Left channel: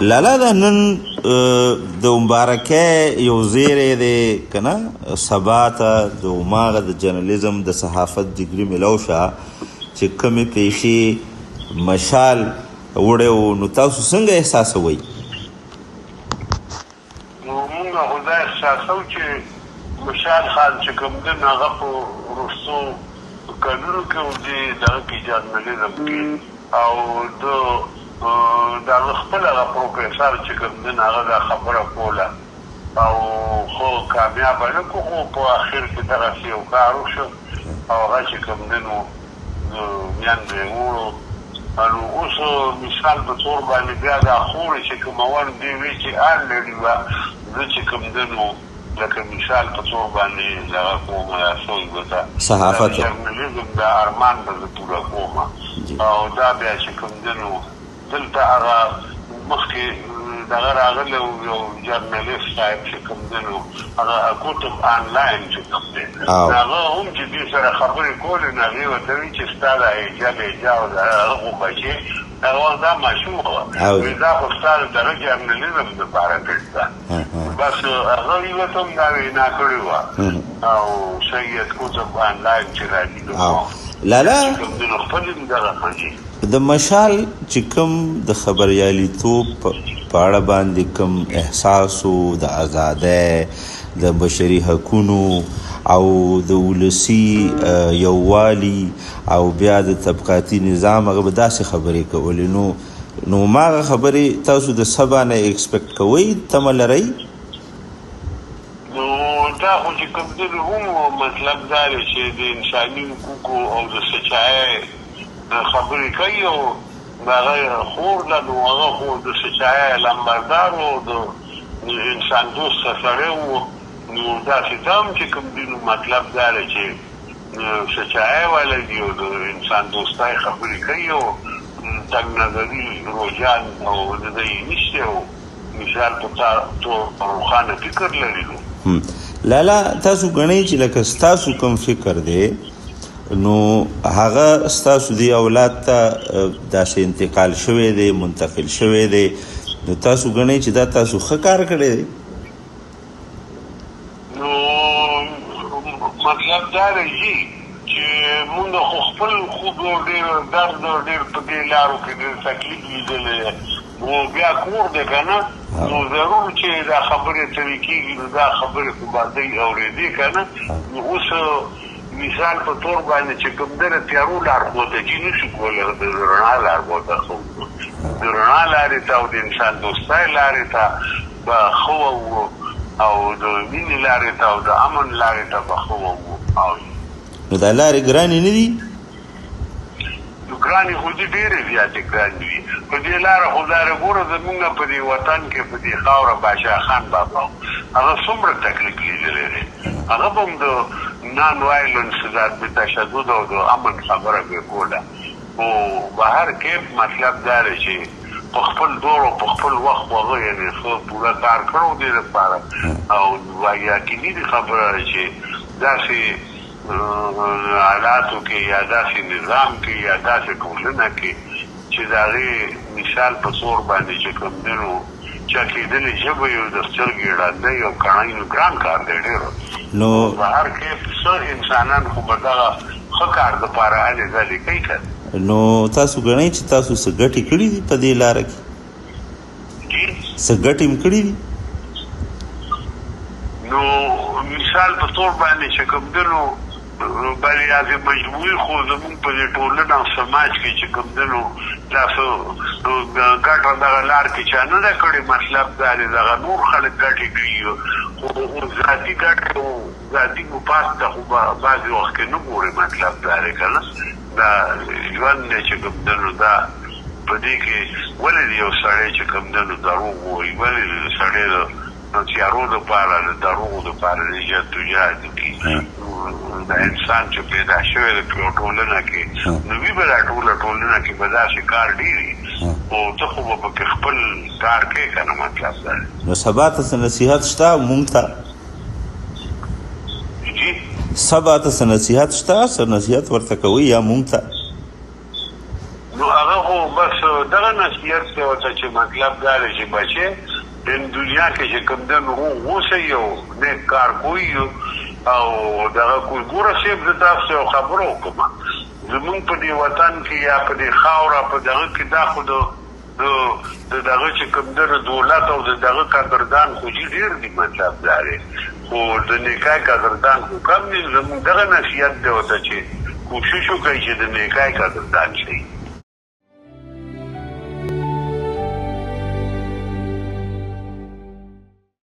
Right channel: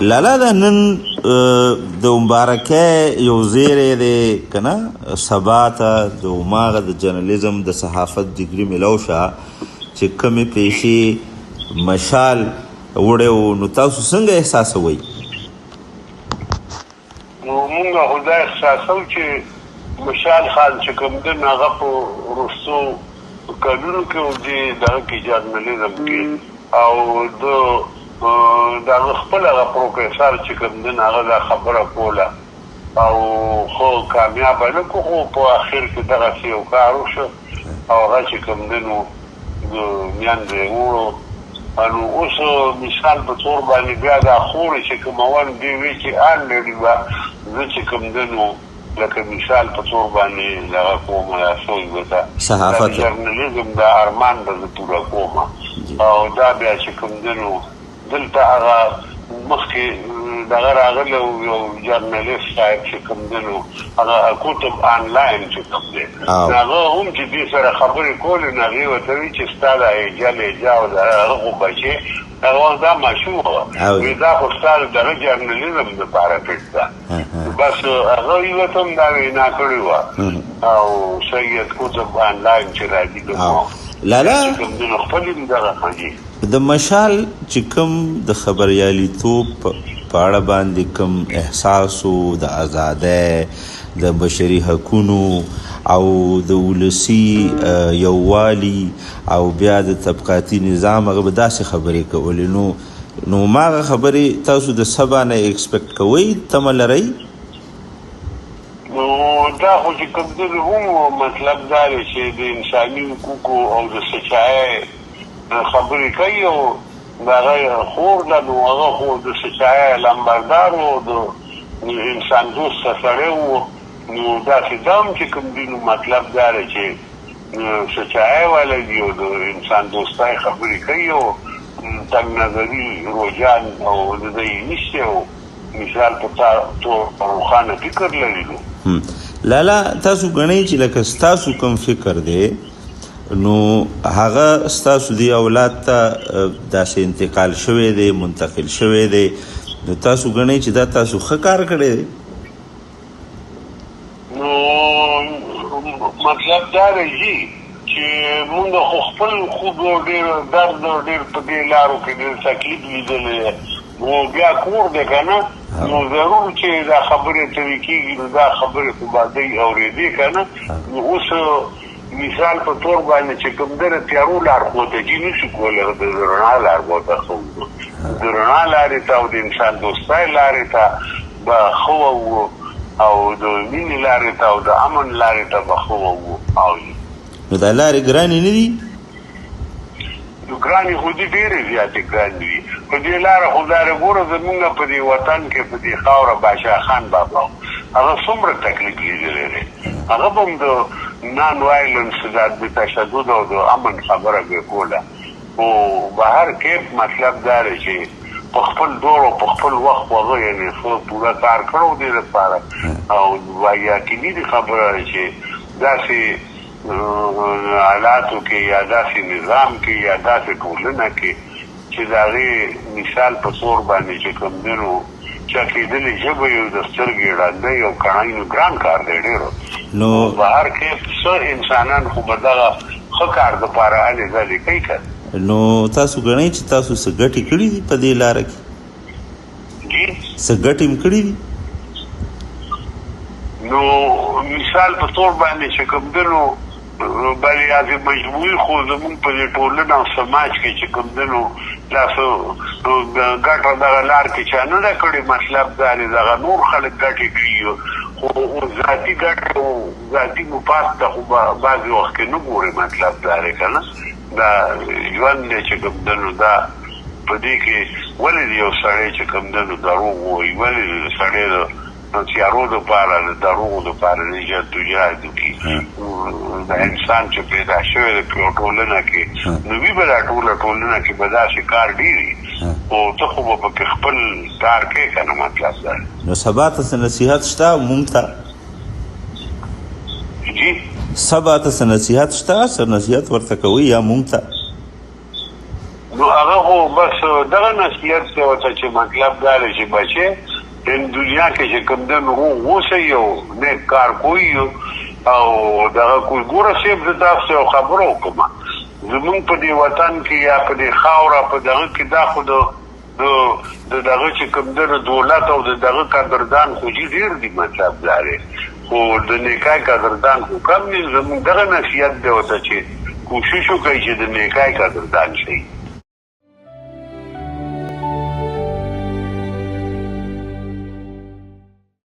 لالا دا نن د مبارکۍ یو زیری دی که نه سبا ته د هماغه د جرنالیزم د صحافت ډګري میلاو شه چې کومې پیسې مشال وړی و نو تاسو څنګه احساسوئ؟ نو مونږ خو دا احساسوو چې مشال خان چې کوم دی نو هغه په وروستو کلونو کې و دې دغه کې جرنالیزم کې او د دا خپل هغه پروفیسر چې کوم دی هغه دا خبره کوله او خو کامیابه نه کړو خو په اخر کې دغسې یو کار وشو او هغه چې کوم دی نو میندې وړو نو اوس مثال په طور باندې بیا دا خورې چې کوم اول دې وي چې ان لري وه زه چې کوم دی نو لکه مثال په طور باندې دغه کومه یا سوی به صحافت جرنالیزم دا ارمان به زه پوره کوم او دا بیا چې کوم دی نو دلته هغه مخکې دغه راغلی یو جرنالیست صاحب چې کوم دی نو هغه کتب آنلاین چې کوم دی هغه هم چې دې سره خبرې کولې نو هغې ورته وي چې ستا دا هجا او د هغه خو بچې هغه دا ماشوم وه دا خو ستا د دغه جرنالیزم دپاره کړي ده بس هغه یې ورته هم دا وینا کړې وه او سید کتب آنلاین چې راځي لالا خپل دغه مجې د مشال چې کوم د خبریالیتوب په اړه باندې کوم احساسو د ازادۍ د بشري حقونو او د ولسي یووالي او بیا د طبقاتي نظام هغه به داسې خبرې کولې نو هماغه خبرې تاسو د سبا نه ایکسپیکټ کوئ تمه لرئ؟ نو دا خو چې کوم دی هم مطلب دا دی چې د انساني حقوقو او د سچایۍ خبرې کوي او د هغه خور ده نو هغه خو د سچایۍ لمبردار و د انسان دوسته سړی و نو داسې دا هم چې کوم دی نو مطلب دا دی چې سچایۍ والا دي او د انسان دوستۍ خبرې کوي او تنګ نظري روجان او د ده یې نشته او مثال په طور روښانه فکر لري نو لالا تاسو ګڼئ چې لکه ستاسو کوم فکر دی نو هغه ستاسو دی اولاد ته داسې انتقال شوی دی منتقل شوی دی نو تاسو ګڼئ چې دا تاسو ښه کار کړی دی؟ نو مطلب دا دی چې مونږ خو خپل خوب ډېر درد ډېر په دې لارو کې ډېر تکلیف لیدلی نو بیا کور دی که نه نو ضرور چې دا خبرې ترې کېږي نو دا خبرې خو به دوی اورېدې که نه نو اوس مثال په طور باندې چې کوم دی د تیارو لارښودګي نشي کولی د رڼا لارښوده ښه د رڼا لارې ته او د انسان دوستۍ لارې ته به ښه وو او د مینې لارې ته او د امن لارې ته به ښه وو او نو دا لارې ګرانې نه دي؟ نو ګرانې خو دي ډېرې زیاتې ګرانې وي په دې لاره خو لارې ګوره زمونږ په دې وطن کې په دې خاوره بادشاه خان بابا هغه څومره تکلیف لیدلی دی هغه به هم د نان وایلنس د تشدد او د امن خبره به کوله خو بهر کې مطلب دا دی چې په خپل دور او په خپل وخت هغه یعنې ښه پوره کار کړی دې لپاره او یقیني دي خبره ده چې داسې حالاتو کې یا داسې نظام کې یا داسې ټولنه کې چې د هغې مثال په طور باندې چې کوم دی نو چا کېدلې ژبه یو د سترګې ړندی او کڼی نو ګران کار دی ډېر نو بهر کې څه انسانان خو به دغه ښه کار دپاره هلې ځلې کوي که نو تاسو ګڼئ چې تاسو څه ګټې کړي دي په دې لاره کې څه ګټې هم کړي دي نو مثال په طور باندې چې کوم دی نو بریاض مجموعي خو زمونږ په دې ټولنه او سماج کې چې کوم دی نو دا ګټه دغه لار کې چا نه ده کړې مطلب دا دی دغه نور خلک ګټې کوي خو ذاتي ګټې او ذاتي مفاد ته خو بعضې وخت کې نه ګورې مطلب دا دی که نه دا ژوند دی چې کوم دی نو دا په دې کې ولې د یو سړی چې کوم دی نو دروغ وایي ولې د سړی د تیارو دپاره د دروغو دپاره د جدوجهد وکړي د انسان چې پیدا شوی دی په یو ټولنه کې نو وي به دا ټوله ټولنه کې به داسې کار ډېر خو ته خو به پکې خپل کار کوې که نه مطلب دا نو سبا ته څه نصیحت شته مونږ ته جي سبا ته څه نصیحت شته څه نصیحت ورته کوئ یا مونږ ته نو هغه خو بس دغه نصیحت څه ورته چې مطلب دا دی چې بچې د دنیا کې چې کوم دنو اوسئ او نیک کار کوئ او دغه کوئی ګوره صاحب زه تاسو یو خبره وکړم زمونږ په دې وطن کې یا په دې خاوره په دغه کې دا خو د دغه چې کوم دنو دولت او د دغه قدردان خو ډېر دي مطلب دا دی خو د نیکای قدردان خو کم دي زمونږ دغه نصیحت دی ورته چې کوشش وکړئ چې د نیکای قدردان شئ